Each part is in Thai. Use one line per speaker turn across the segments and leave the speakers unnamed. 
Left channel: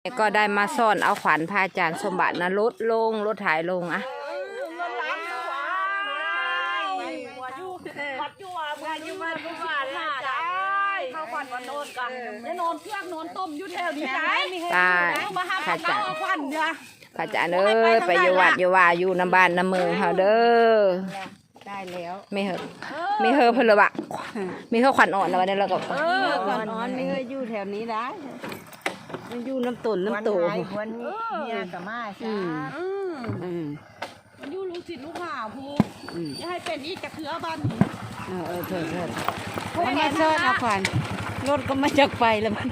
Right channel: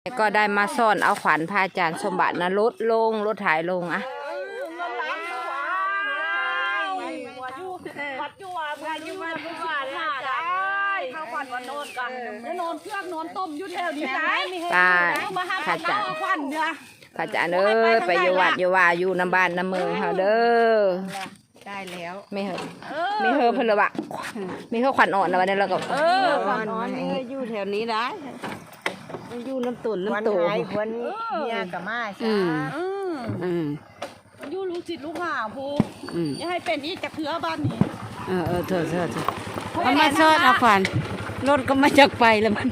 ก็ได้มาซ่อนเอาขวัญพระอาจารย์สมบัตินะลดถ่ายลงอะ
ข้าวขวัญวันโนนกันได้นอนเครื่องนอนต้มอยู่แถวนี้นะ
ตายพระอาจารย์พระอาจารย์เอ้ยไปอยู่วัดอยู่ว่าอยู่น้ำบ้านน้ำเมืองเขาเด้อ
ได้แล้ว
ไม่เหอะเพื่อนเลยบะไม่เหอะขวัญอ่อนนะวันนี้เราก็
ขวัญอ่อนนี่อยู่แถวนี้นะอยู่น้ำตุ่นน้ำโตวันนี้เนี่ยกับมาใช่อยู่ลูกศิษย์ลูกหาพูยังให้เป็นอีกจะเพื่อบ้านนี้
เถอะมันมาซ่อนเอาขวัญรถก็มาจากไปแล้วมัน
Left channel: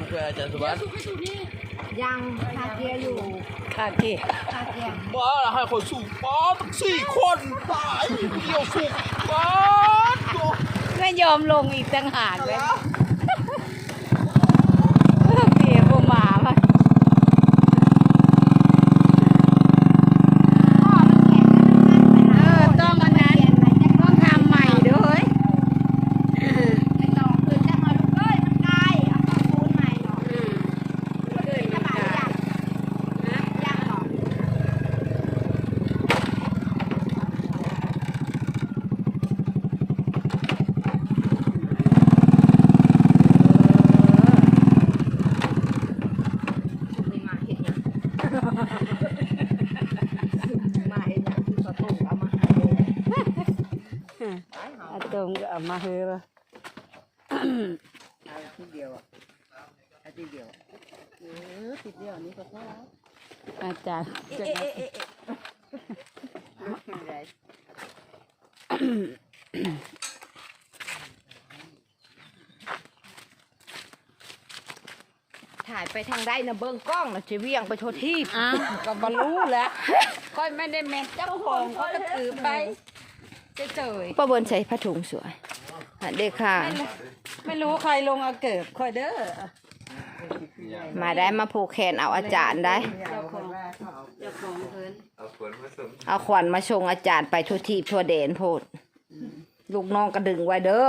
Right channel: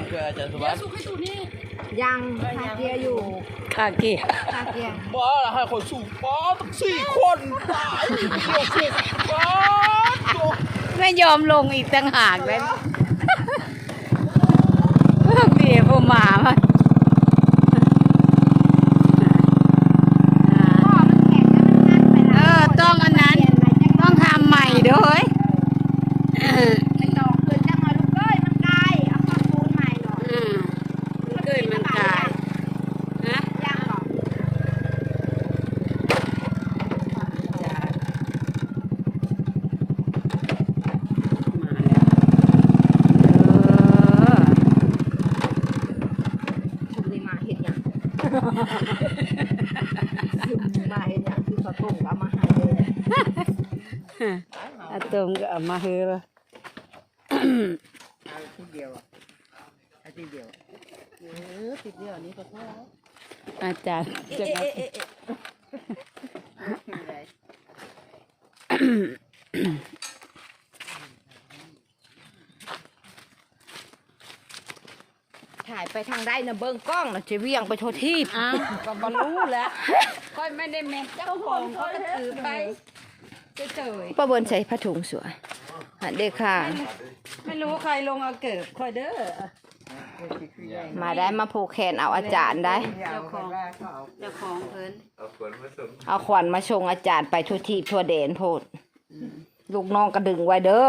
ยังคาเกียอยู่คาเกีย
บ้าให้คนสูงป้า4 คนตายเกี่ยวสุกป้า
ไม่ยอมลงอีกต่างหากเลยเบียร์พวกหมามาต้องอันนั้นต้องทำใหม่ด้วยอาตงก็เอามาเฮือ
ทีเดียวติดเดียวนี่ก็พอ
อาจารย์จะถ่ายไปทางได้นะเบิ้งกล้องนะจะเวียงไปโทษที่
ก็มารู้แล้วค่อยไม่ได้แม่เจ้าของเขาจะถือไป
ป้าบนใส่ผ้าถุงสวยเด็กค่ะ
ไม่รู้ใครลงเอาเกิดคอยเด้อ
มาได้มาผูกแขนเอาอาจารย์ได้เอาขวัญมาชงอาจารย์ไปทั่วทีทั่วเดนโพดลูกน้องกระดึงไว้เด้อ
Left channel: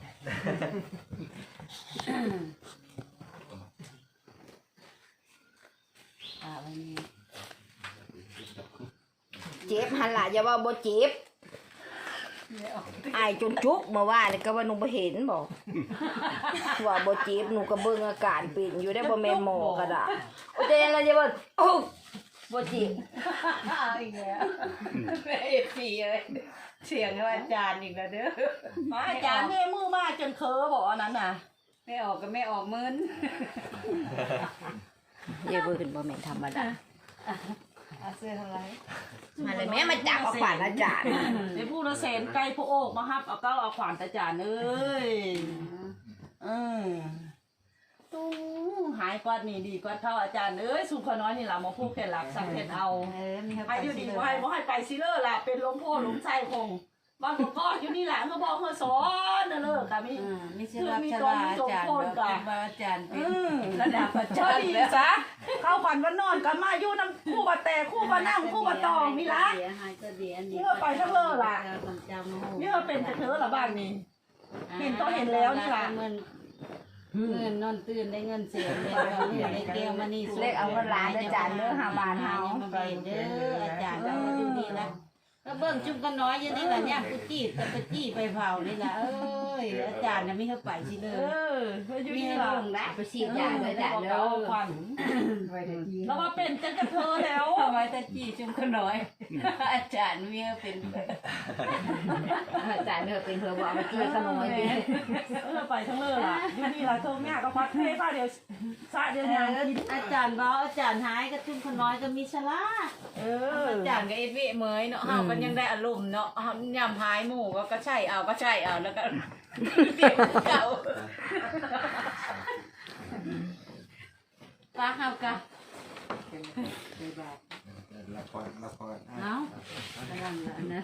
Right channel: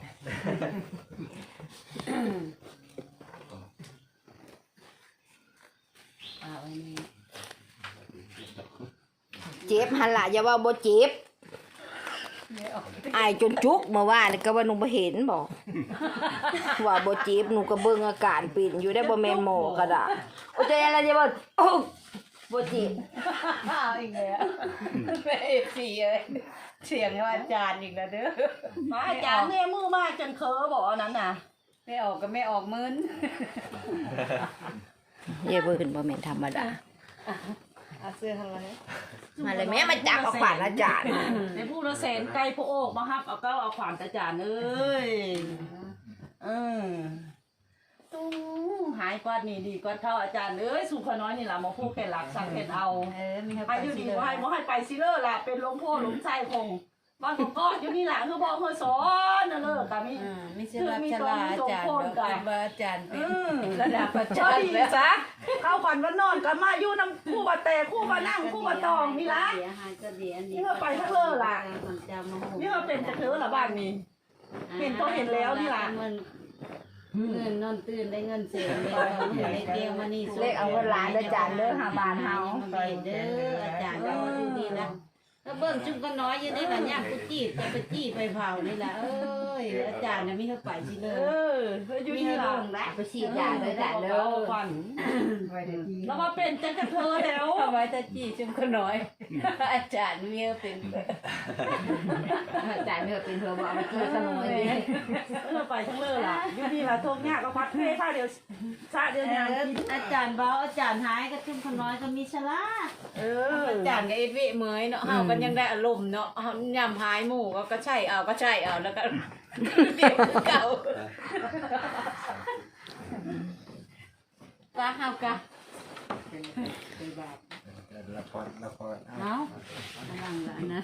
เจ็บหันหล่ะอย่าว่าบ่เจ็บไอจนจุกมาว่าก็ว่าหนูไปเห็นบอกว่าบ่เจ็บหนูก็เบิ่งอาการปิ่นอยู่ได้บ่แม่หมอก็ได้โอ้ยอะไรจะบ่บ่เจ็บ
อีกแล้วสีเลยเสียงอาจารย์อีกแล้วเด้ออาจารย์เนี่ยมือมากจนเคอบอกนั้นน่ะไม่ออกก็ไม่ออกมึน
เย่เบิ่งบ่แม่นธรรมดา
เสื้ออะไร
มาเลยแม่มาจับเอาขวานอาจารย์
ในผู้ละเซนไก่พระโอกมาครับเอาก็เอาขวานอาจารย์เอ้ยตู้หายกว่านี่ดีกว่าเข้าอาจารย์เอ้ยสุขน้อยนี่แหละมาพูดแค่หลักสังเกตเอาให้อยู่ดีว่าให้ไปซิเลอร์แหละเป็นล้มโพล้มใจคงบางคนก็อยู่นี่แหละเขาบอกเขาสอนนะเลิกกัน
มีเสื้อมีตรงอาจารย์อาจารย์
ระดับอาจารย์แล้วจ้ะเข้าฝันว่านอนกันมาอยู่น้ำคู่บะเตะคู่บะนั่งคู่บะตองนี่ละนี่เราไปทั้งเลิกล่ะนี่เราเป็นจะเธอละบ้านนี้เห็นก็เห็นแล้วนี่ละ
เงินนอนตื่นได้เงินเสียเลยเราเงินได้เกี่ยวมานี่
เลขเอาเวลาอาจารย์เลิกหาบานเฮา
เด้ออาจารย์เราดูดีละก็เบิ่งจุ่มก็น้อยยังได้ละย่างกุจี้จะไปจี้ไปเผานี่ละเอ้ยอาจารย์น่ะมีเข้าไปสิเลย
มีให้ลง
นะไปฉีดยาไปได้แล้ว
แล้วมาเป็นจังจะเธอแล้ว
ทำไมตะจี้จุ่มก็น้อยอาจารย์มีเป็น
อาจารย์เนี่ยเป็นเธอบอกมาจี้ก็น้อย
ไปทั้งเลิกล่ะยูนี่ละทงยากก็ควักเท่ผ้าเดียวซะเดียวยาง
อาจารย์บอกอาจารย์หายก็จุ่มก็น้อยก็มีชลาอาจารย์กับเอฟวีเมยเนาะมันยังได้อารมณ์เนาะยำพายหมูก็ใช่เอาแล้วก็เด็กเก่ากะเฮากะ
ละคร
เนาะกำลังนะ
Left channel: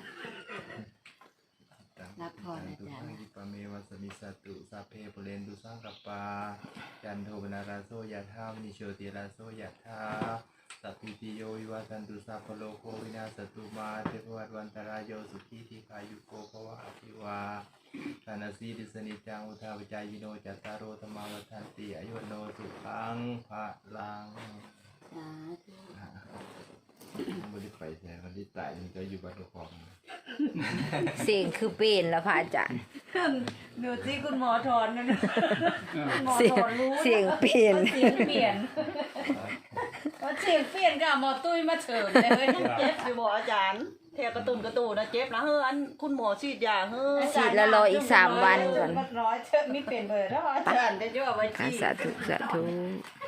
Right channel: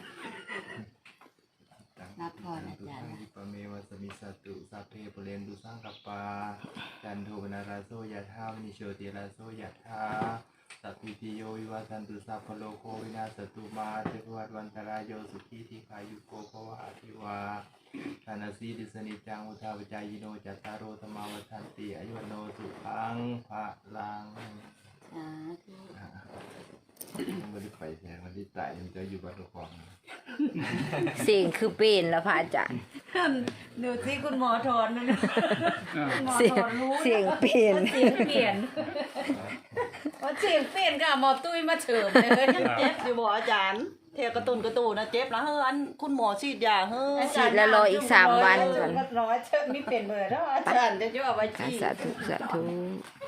รับพรอาจารย์
ปะเมวัสมิสตุสัพเพปุเรนตุสังกปาจันโทปนาราโสยะธามนิโชติราโสยะธาสัพพิติโยวิวัชันตุสัพพโลโควินาศตุมาเทพวัตวันตรายโยสุขีทีขายุโกภวะอภิวาทานาสีดิสนิจังอุทาปจายโนจัตตารโรธรรมวัฏันติอายุโนสุขังภะลังแทนวันที่ตายมันจะอยู่บ้านทุกคน
เสียงคือเป็นแล้วพระอาจารย์
ดูสิคุณหมอถอนมันคุณหมอ
เสียง
ถอนรู้นะ
เสียงเปลี่ยน
เสียงเปลี่ยนว่าเสียงเปลี่ยนก็หมอตุ้ยมาเฉิมเลย
เจ็บอยู่บ่อาจารย์เทกระตุนนะเจ็บนะเฮ้ออันคุณหมอฉีดยาเฮ้อ
ฉีดแล้วรออีก3 วันก่อน
ก็ร้อยเชิญไม่เป็นเลยแล้วอาจารย์จะเอาไปฉีด
สาธุสาธุ